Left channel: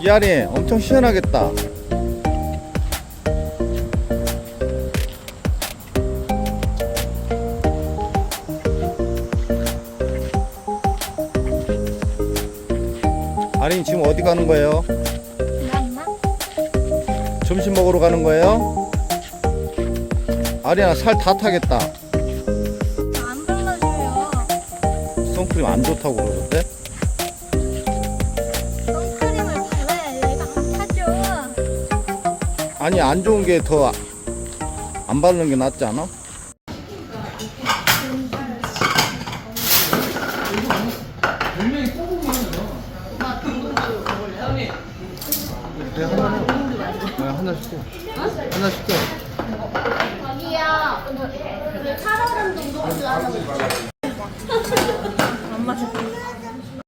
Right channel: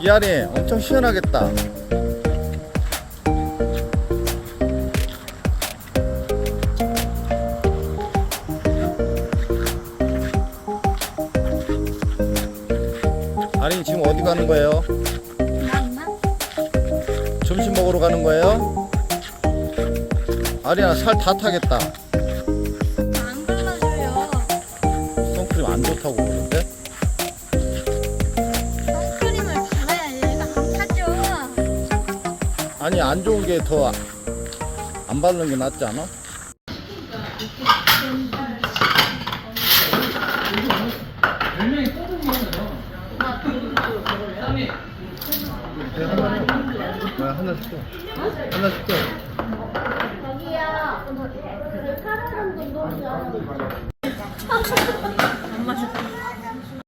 이 안에 엄청 시원하겠다. 아린 지금 어디 가는 거예요? 점심 먹으러 가는 거예요? 아리야 살 다 타겠다. 안 발라줘요. 선크림 안 좋다고 그러던데? 아니 안 좋은 게 더 안 바르는 게 낫지 않아? 네, 하나 줘. 네, 하나 줄게. 하나 줄게. 안 마셔. 어,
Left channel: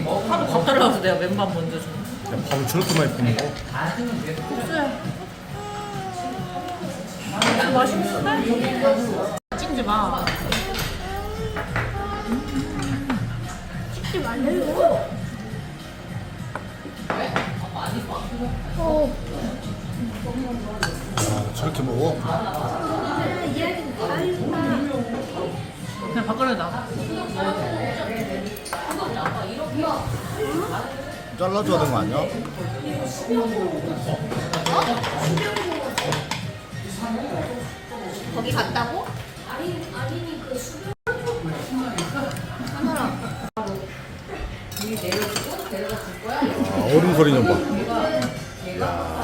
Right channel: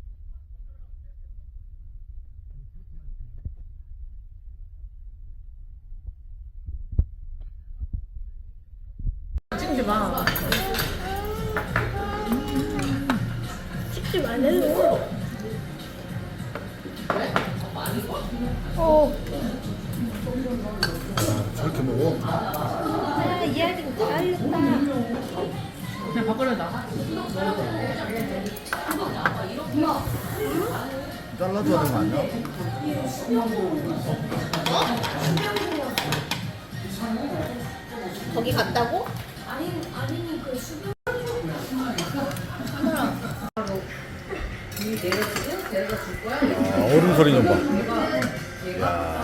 하도 밥 달라서 내가 맨밥 먼저 줘. 야, 밥을 저렇게 많이 푸는 거? 찍지 마. 찍지 말래요. 어, 야, 저렇게 먹어? 얘는 다 했다. 그냥 밥그릇 놔. 잘라줘야 되는 거 아니야? 거기 갔다고? 아, 얼음 소리 좀 봐.